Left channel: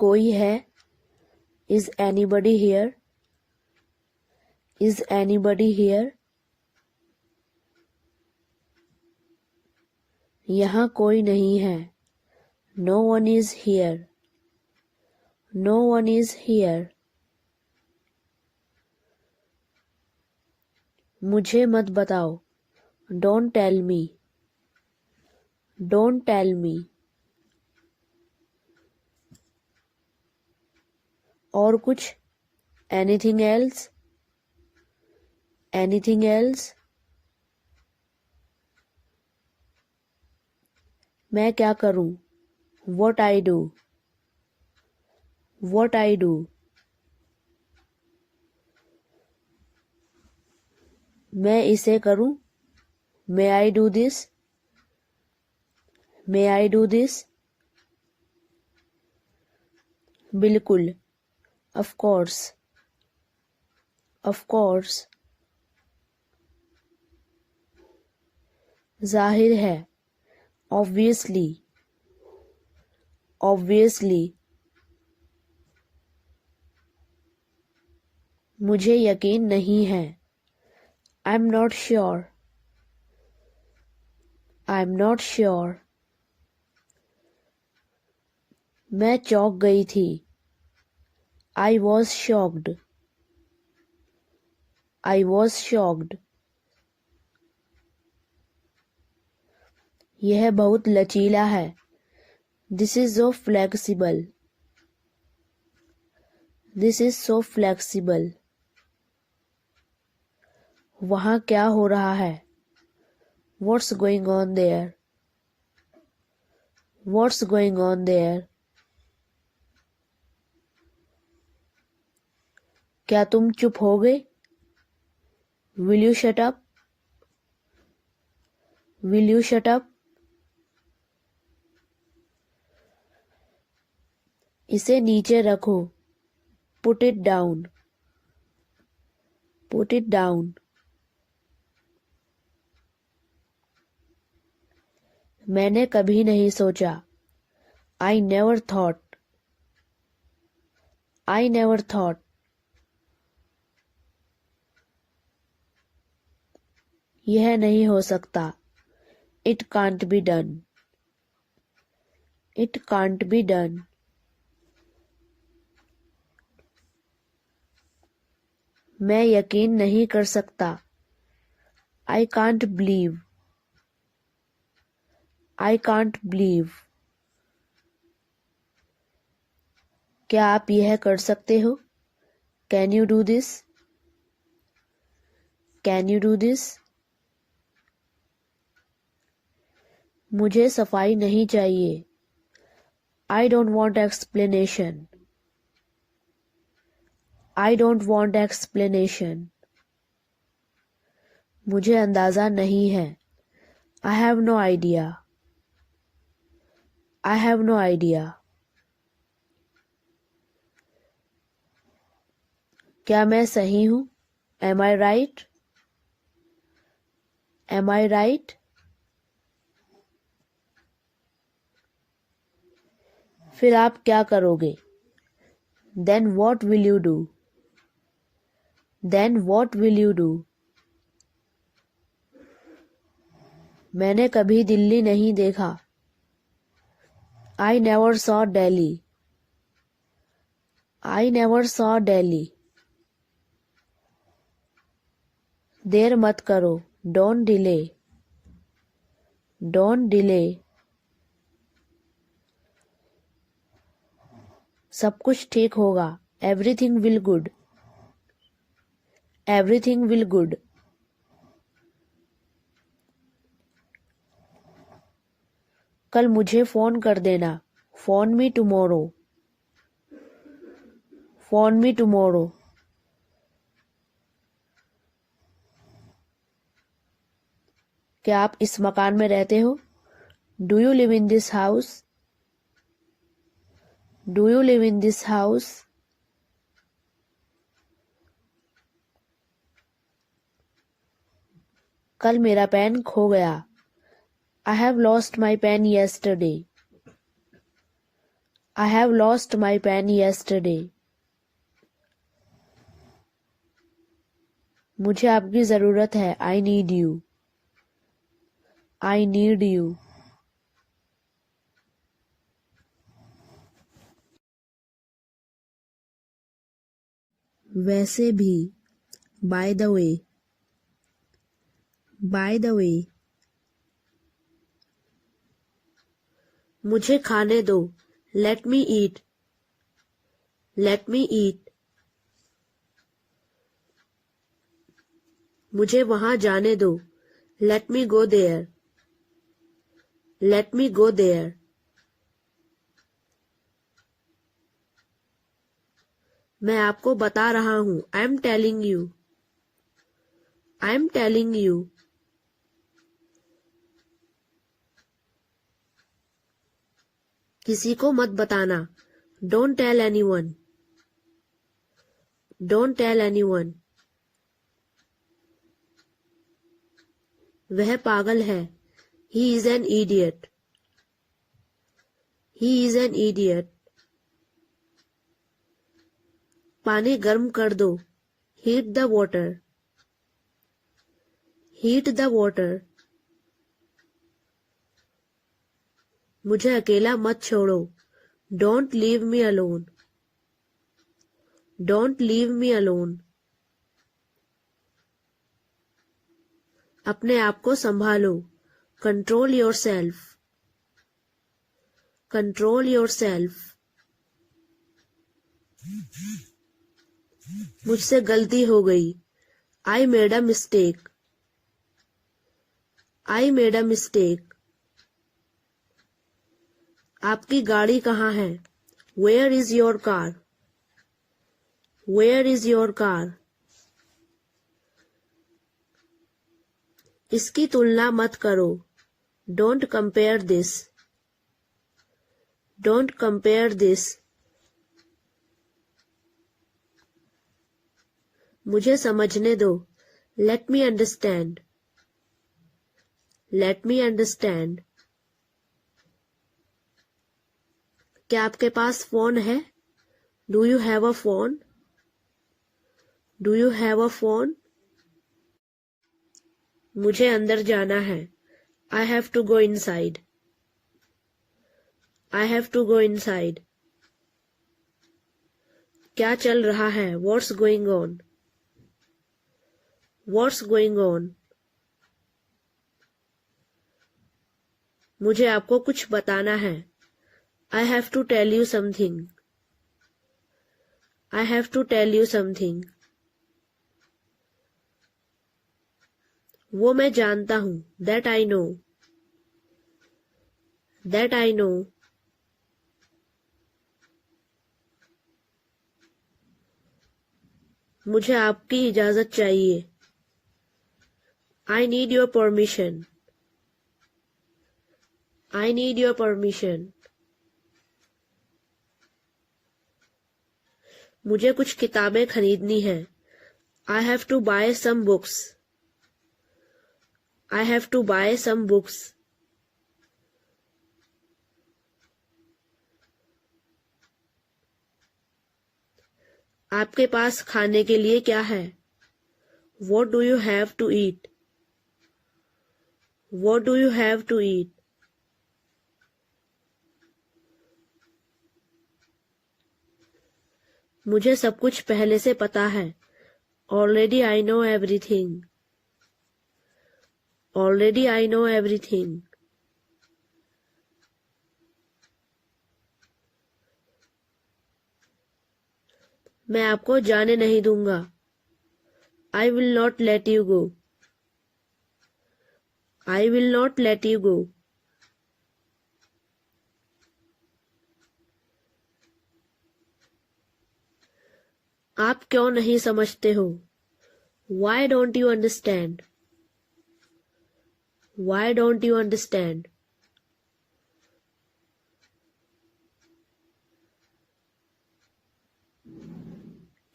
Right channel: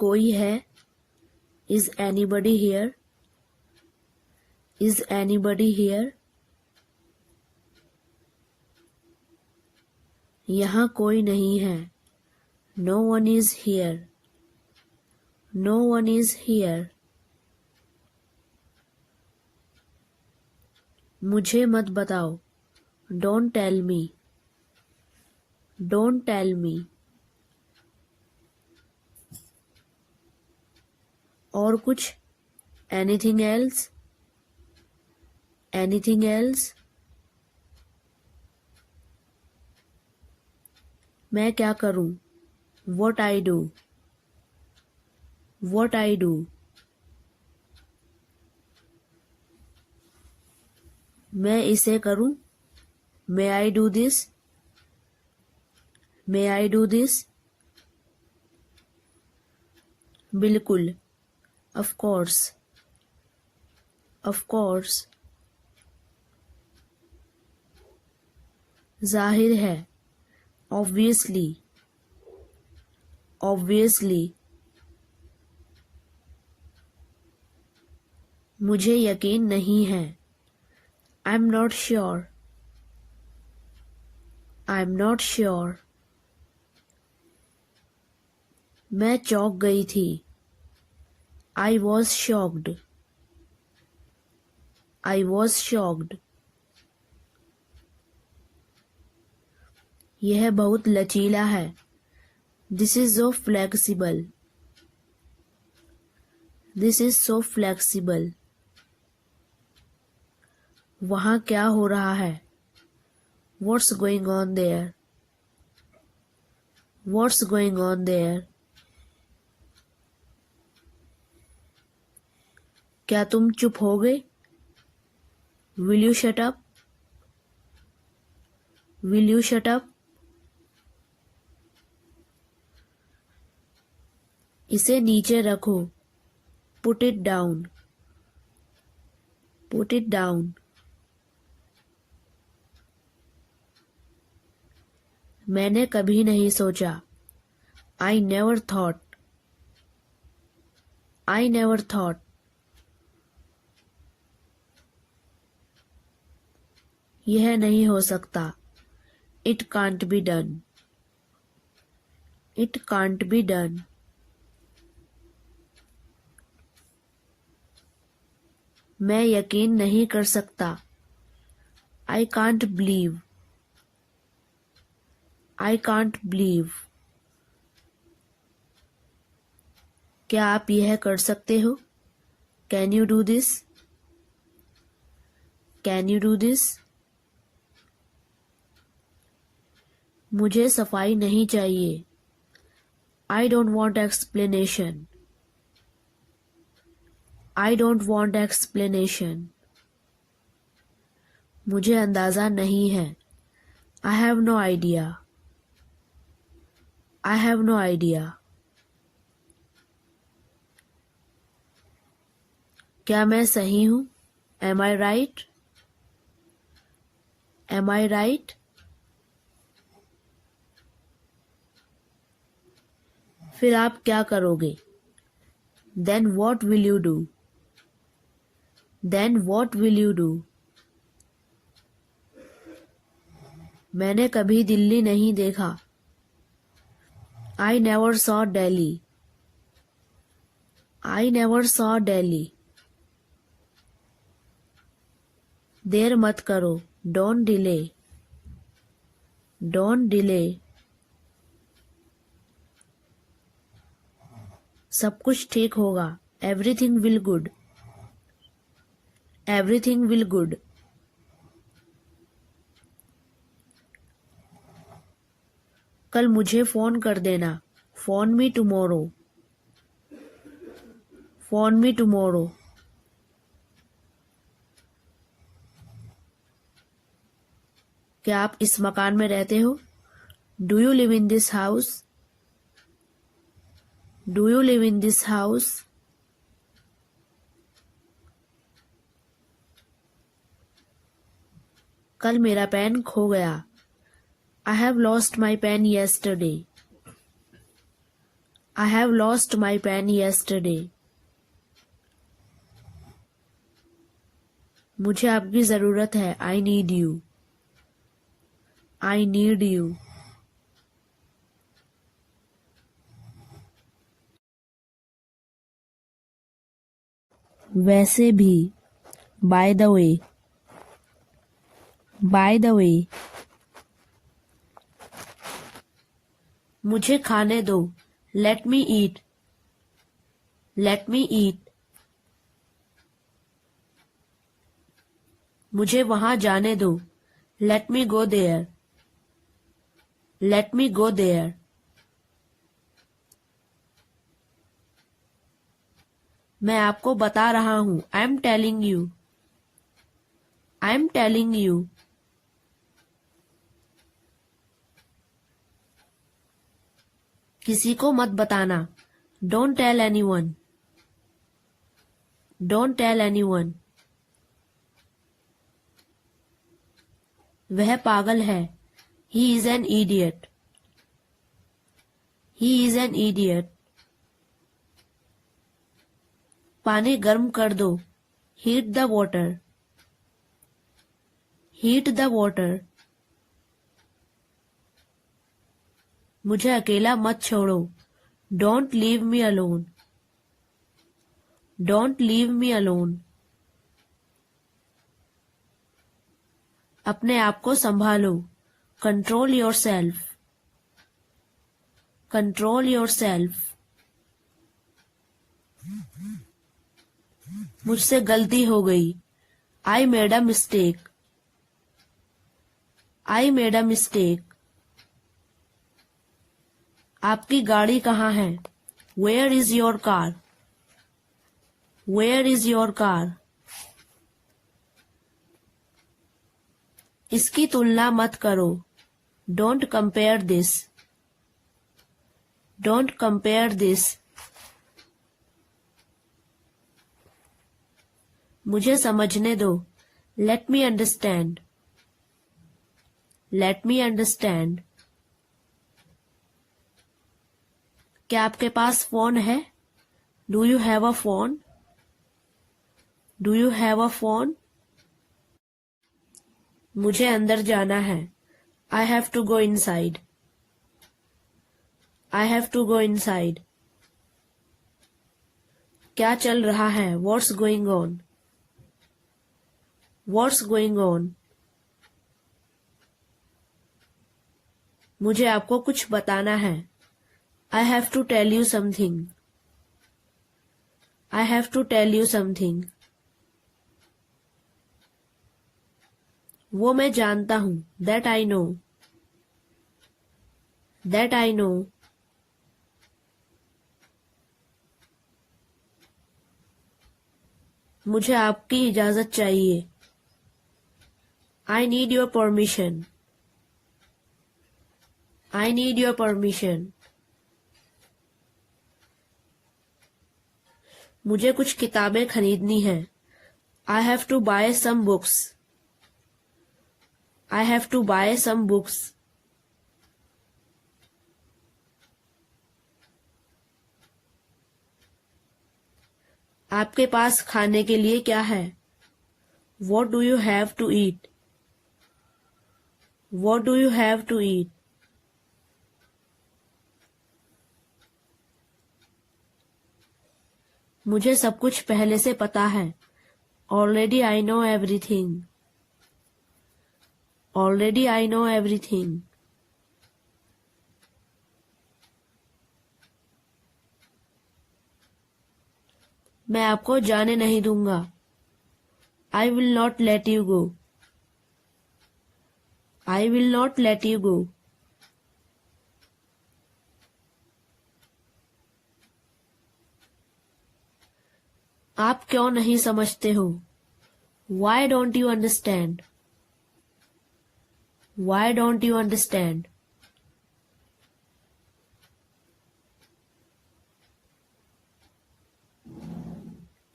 कोई है? Is anybody here? Is anybody here? यहाँ कोई नहीं है. No one is here. No one is here. मुझे मत बताओ. Don't tell me. Don't tell me. और कुछ? Anything else? Anything else? मैं क्या करूं? What I do? What I do? मैं इसे करूं? May I do this? May I do this? बिल्कुल. Of course. Of course. जाहिर है. Obviously. Obviously. मुझे यकीन नहीं है. I'm not sure. I'm not sure. मैं चौंक गई थी. I was shocked. I was shocked. यह बहुत लचीला है. This is so flexible. This is so flexible. वहाँ क्या हो रहा है? What's going on there? What's going on there? क्या तुम चुप हो गए? Will you shut up? Will you shut up? इसे नीचे रखो. Put it down. Put it down. मैंने कभी नहीं सोचा. I never thought. I never thought. यह नहीं हो सकता. It can't be done. It can't be done. मैं यकीन नहीं कर सकता. I can't believe. I can't believe. क्या आप यह कर सकते हो? Can you do this? Can you do this? मुझे सफाई नहीं चाहिए. I don't want explanation. I don't want explanation. मुझे अंदाजा नहीं है. I have no idea. I have no idea. क्या मैं सही हूँ? Am I right? Am I right? फिर आप क्या करोगे? Then what will you do? Then what will you do? मैंने कभी दिल्ली नहीं देखा. I never saw Delhi. I never saw Delhi. देर मत करो. Don't delay. Don't delay. सब कुछ ठीक होगा. Everything will good. Everything will good. कल मुझे फोन कर देना. Phone me tomorrow. Phone me tomorrow. क्या आप इस मकान में रहते हो? Do you live in this house? Do you live in this house? कल मेरा पेन खो गया. I have lost my pen yesterday. I have lost my pen yesterday. मुझे आपकी जरूरत है. I need you. I need you. वैसे भी. By the way. By the way. मुझे खाने दो. Let me eat. Let me eat. मुझे वहां जाने दो. Let me go there. Let me go there. मैं आपको बता रहा हूं. I am telling you. I am telling you. किसी को मत बताना. Don't tell anyone. Don't tell anyone. वह पागल है. He is an idiot. He is an idiot. पानी गर्म कर दो. Heat the water. Heat the water. मुझे अकेला मत छोड़ो. Don't leave me alone. Don't leave me alone. अपने आप को संभालो. Control yourself. Control yourself. मुझसे गलती हो गई. I made a mistake. I made a mistake. आपकी गाड़ी कहाँ है? Where is your car? Where is your car? इसकी तुलना मत करो. Don't compare this. Don't compare this. मुझे समझने दो. Let me understand. Let me understand. क्या आपके पास फोन है? Do you have a phone? Do you have a phone? मुझे अंदर जाना है. I have to go inside. I have to go inside. क्या चल रहा है? What's going on? What's going on? मुझे आपको कुछ बताना है. I have to tell you something. I have to tell you something. वो मैं जानता हूं. That I know. That I know. मुझे आपकी इजाजत चाहिए. I need your permission. I need your permission. मुझे कुछ किताबें खरीदनी हैं. I have to buy some books. I have to buy some books. आपके पास खाने के लिए क्या है? What do you have to eat? What do you have to eat? मुझे सब कुछ पहले से पता है. Already I know everything. Already I know everything. मैं आपको जाने नहीं दूंगा. I will not let you go. I will not let you go. आप क्यों नहीं समझते हो? Why don't you understand? Why don't you understand?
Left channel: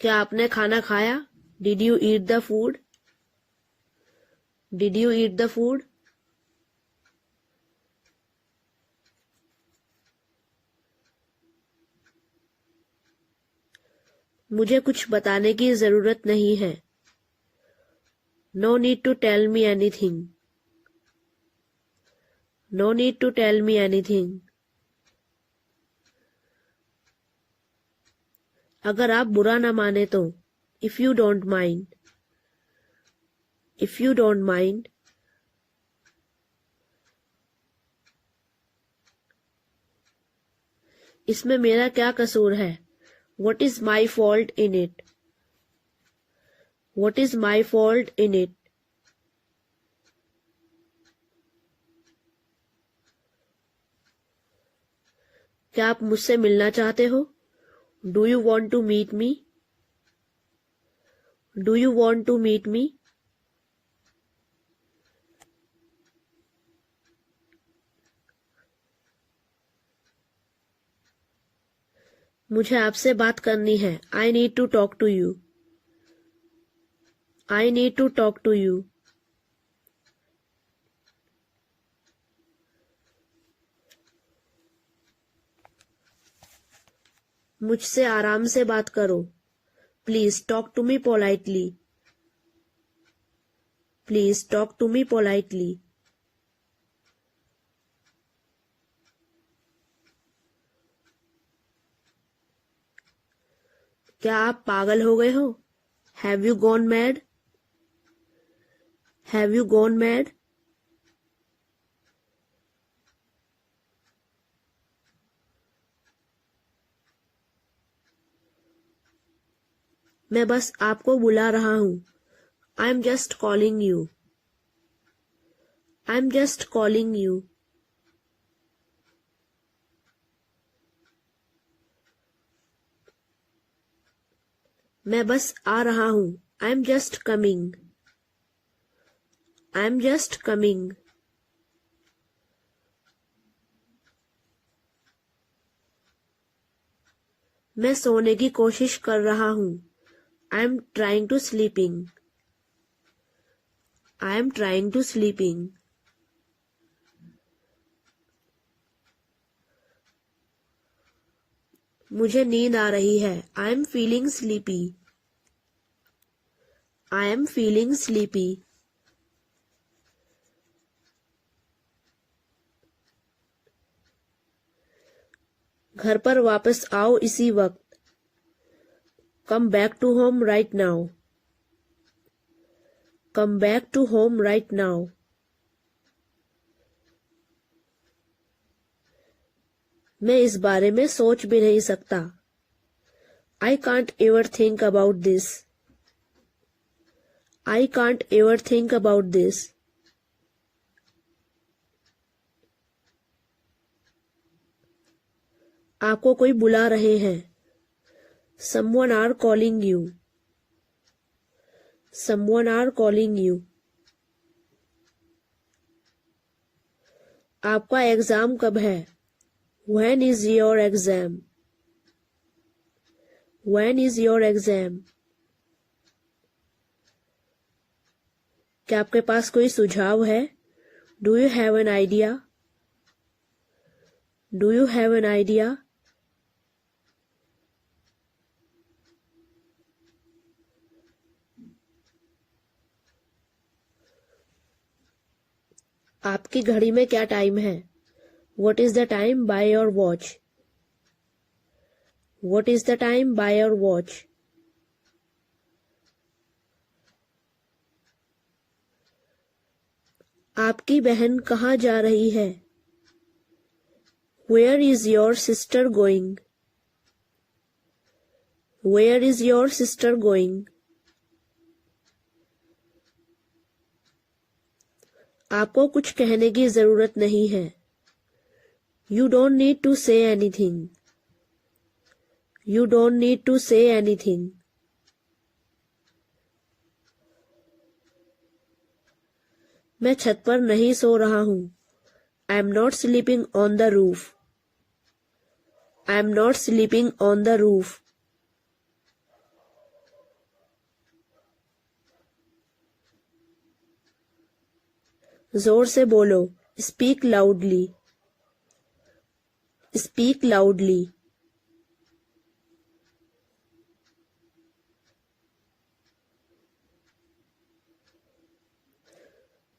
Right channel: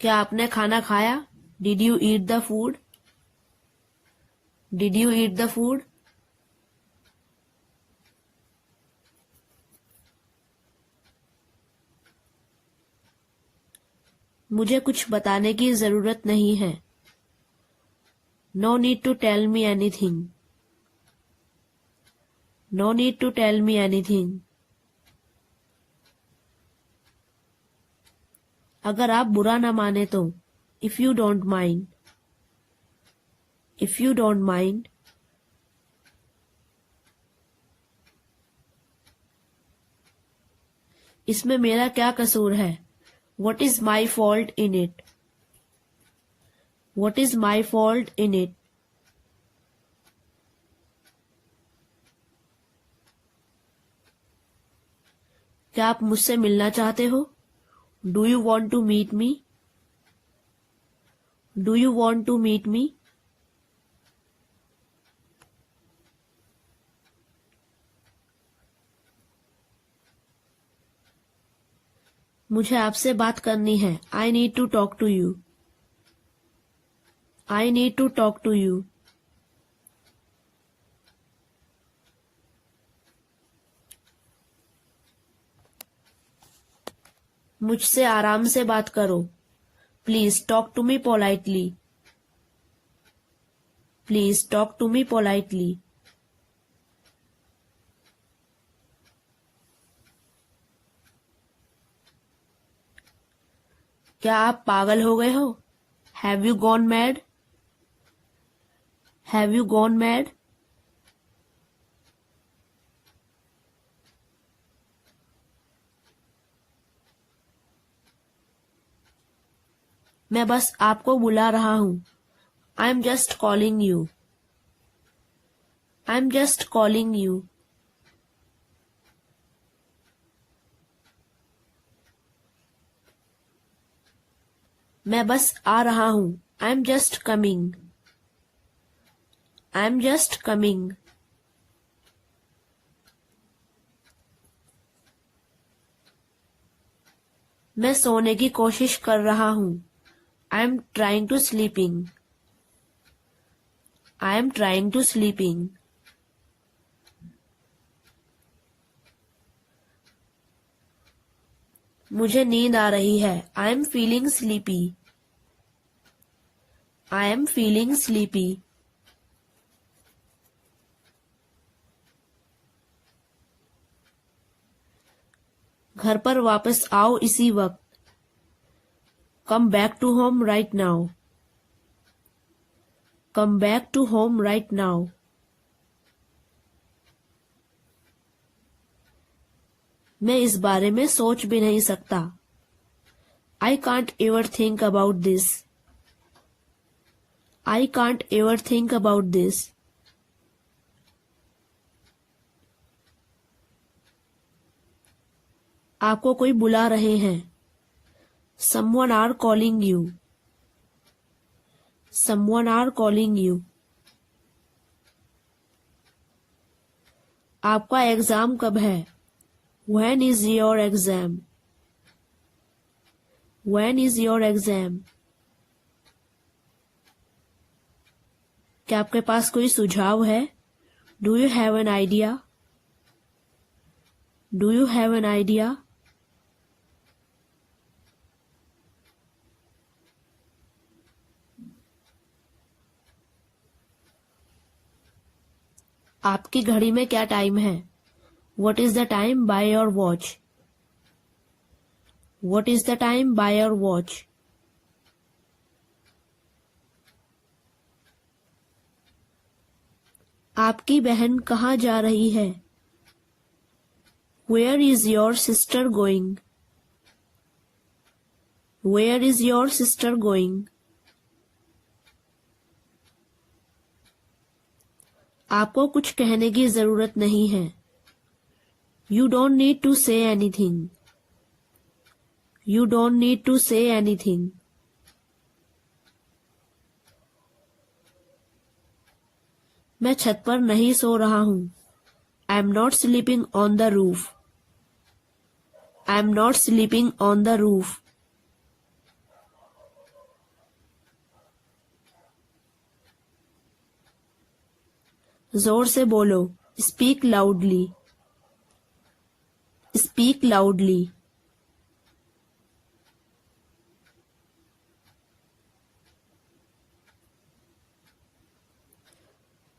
क्या आपने खाना खाया? Did you eat the food? Did you eat the food? मुझे कुछ बताने की जरूरत नहीं है. No need to tell me anything. No need to tell me anything. अगर आप बुरा ना माने तो. If you don't mind. If you don't mind. इसमें मेरा क्या कसूर है? What is my fault in it? What is my fault in it? क्या आप मुझसे मिलना चाहते हो? Do you want to meet me? Do you want to meet me? मुझे आपसे बात करनी है. I need to talk to you. I need to talk to you. मुझसे आराम से बात करो. Please talk to me politely. Please talk to me politely. क्या आप पागल हो गए हो? Have you gone mad? Have you gone mad? मैं बस आपको बुला रहा हूं. I'm just calling you. I'm just calling you. मैं बस आ रहा हूं. I'm just coming. I'm just coming. मैं सोने की कोशिश कर रहा हूं. I'm trying to sleeping. I'm trying to sleeping. मुझे नींद आ रही है. I am feeling sleepy. I am feeling sleepy. घर पर वापस आओ इसी वक्त. Come back to home right now. Come back to home right now. मैं इस बारे में सोच भी नहीं सकता. I can't ever think about this. I can't ever think about this. आपको कोई बुला रहे हैं. Someone are calling you. Someone are calling you. आपका एग्जाम कब है? When is your exam? When is your exam? क्या आपके पास कोई सुझाव है? Do you have an idea? Do you have an idea? आपकी घड़ी में क्या टाइम है? What is the time by your watch? What is the time by your watch? आपकी बहन कहाँ जा रही है? Where is your sister going? Where is your sister going? आपको कुछ कहने की जरूरत नहीं है. You don't need to say anything. You don't need to say anything. मैं छत पर नहीं सो रहा हूं. I am not sleeping on the roof. I am not sleeping on the roof. जोर से बोलो. Speak loudly. Speak loudly.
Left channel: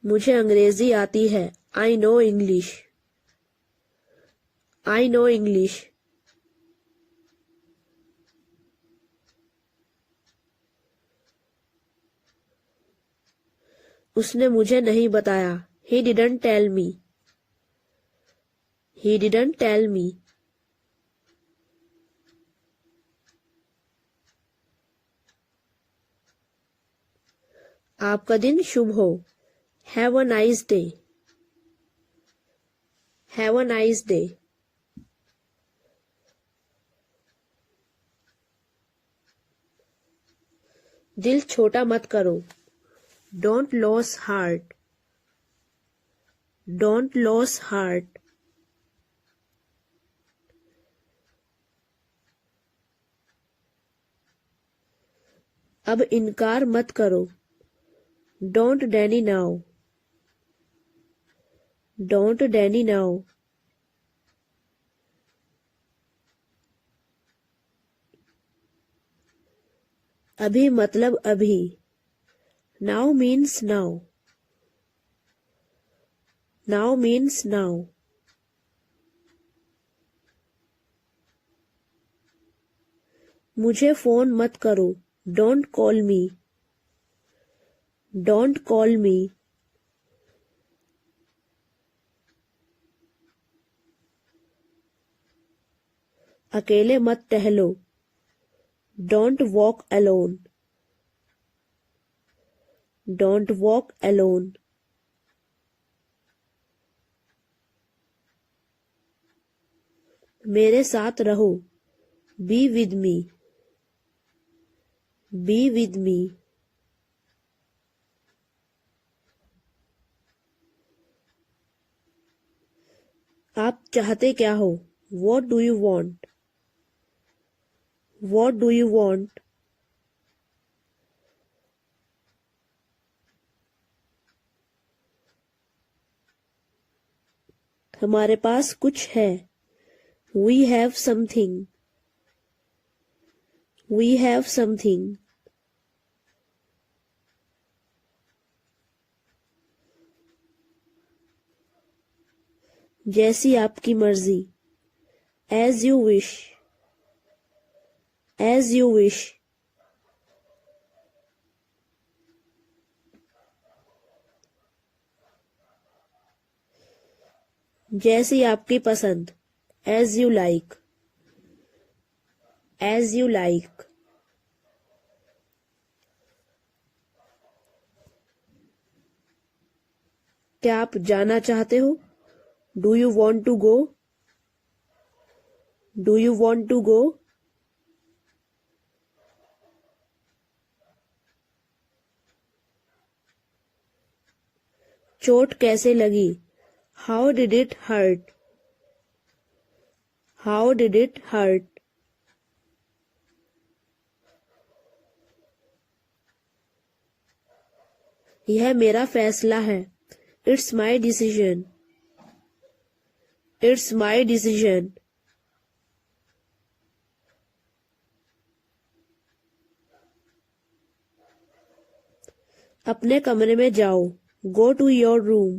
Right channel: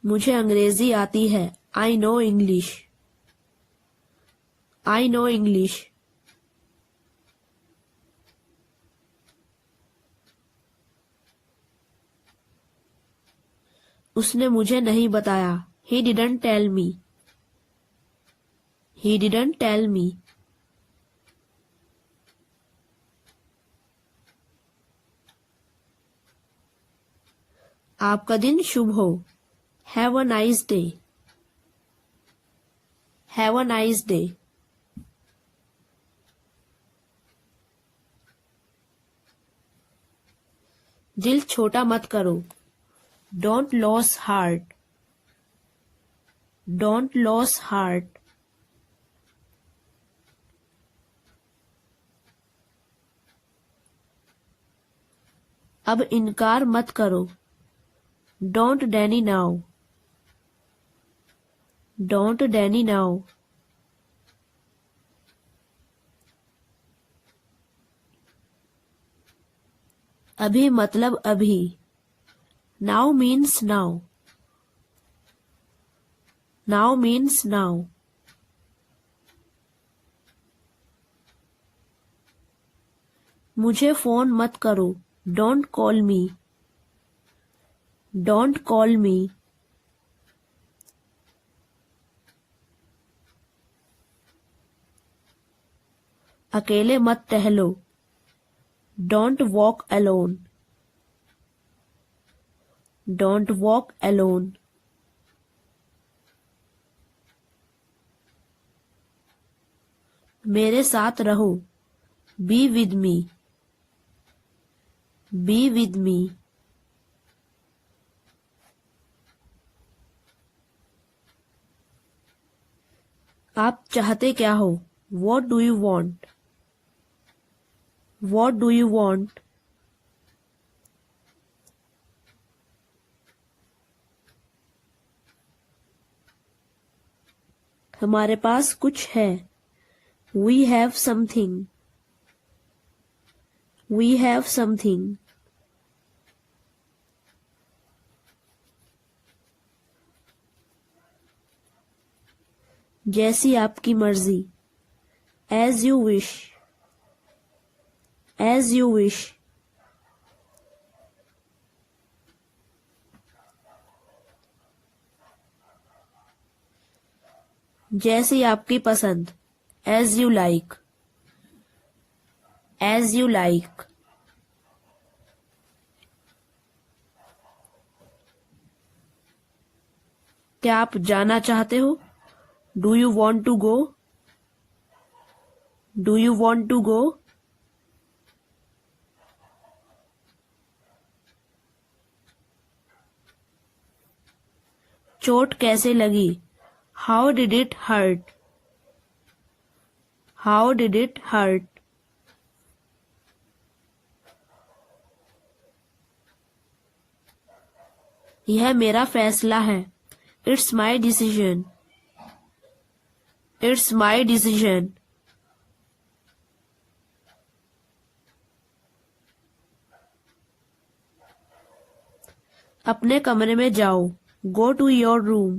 मुझे अंग्रेजी आती है। I know English. I know English. उसने मुझे नहीं बताया। He didn't tell me. He didn't tell me. आपका दिन शुभ हो। Have a nice day. Have a nice day. दिल छोटा मत करो। Don't lose heart. Don't lose heart. अब इनकार मत करो। Don't deny now. Don't deny now. अभी मतलब अभी। Now means now. Now means now. मुझे फोन मत करो। Don't call me. Don't call me. अकेले मत टहलो। Don't walk alone. Don't walk alone. मेरे साथ रहो। Be with me. Be with me. आप चाहते क्या हो? What do you want? What do you want? हमारे पास कुछ है। We have something. We have something. जैसी आपकी मर्जी। As you wish. As you wish. जैसी आपकी पसंद। As you like. As you like. क्या आप जाना चाहते हो? Do you want to go? Do you want to go? चोट कैसे लगी? How did it hurt? How did it hurt? यह मेरा फैसला है। It's my decision. It's my decision. अपने कमरे में जाओ। Go to your room.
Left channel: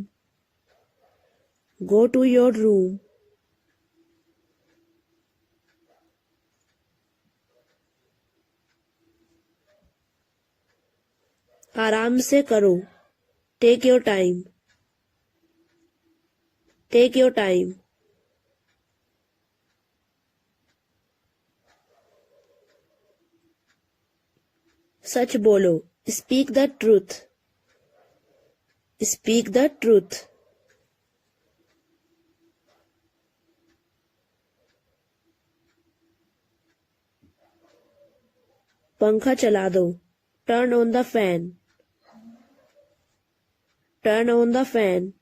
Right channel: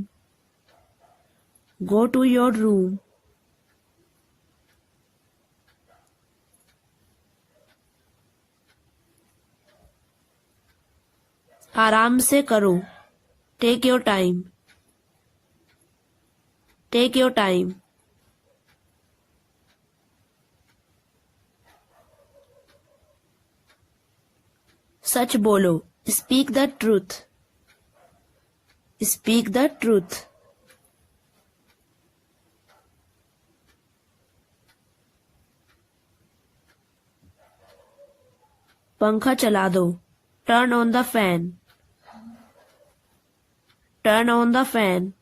Go to your room. आराम से करो। Take your time. Take your time. सच बोलो। Speak the truth. Speak the truth. पंखा चला दो। Turn on the fan. Turn on the fan.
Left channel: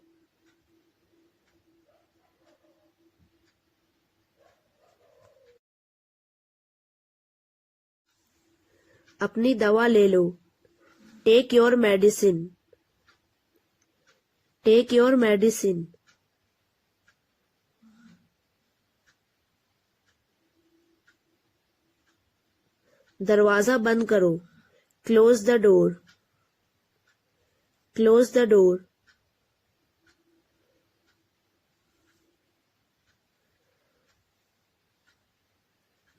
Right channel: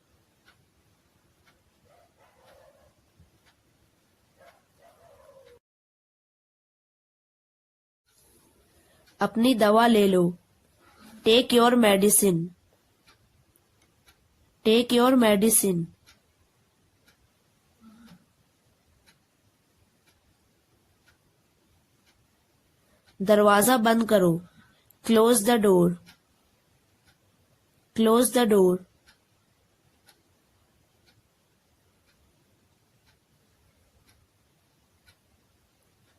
अपनी दवा ले लो। Take your medicine. Take your medicine. दरवाजा बंद करो। Close the door. Close the door.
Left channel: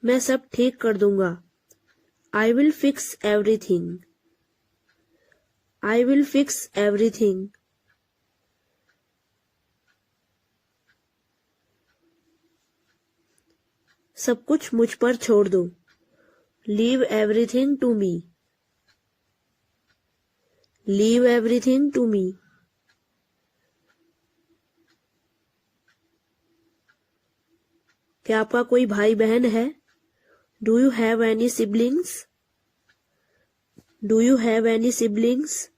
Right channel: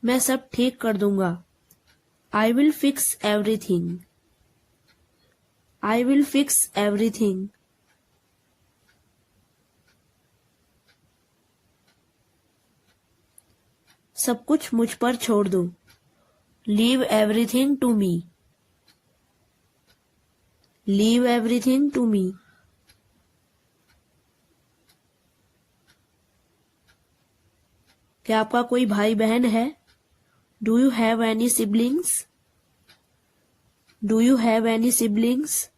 मैं सब ठीक कर दूंगा। I will fix everything. I will fix everything. सब कुछ मुझ पर छोड़ दो। Leave everything to me. Leave everything to me. क्या आपका कोई भाई बहन है? Do you have any siblings? Do you have any siblings?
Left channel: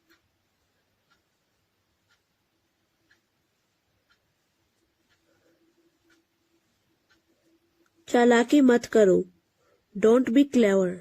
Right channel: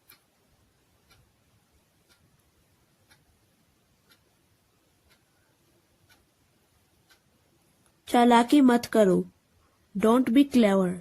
चालाकी मत करो। Don't be clever.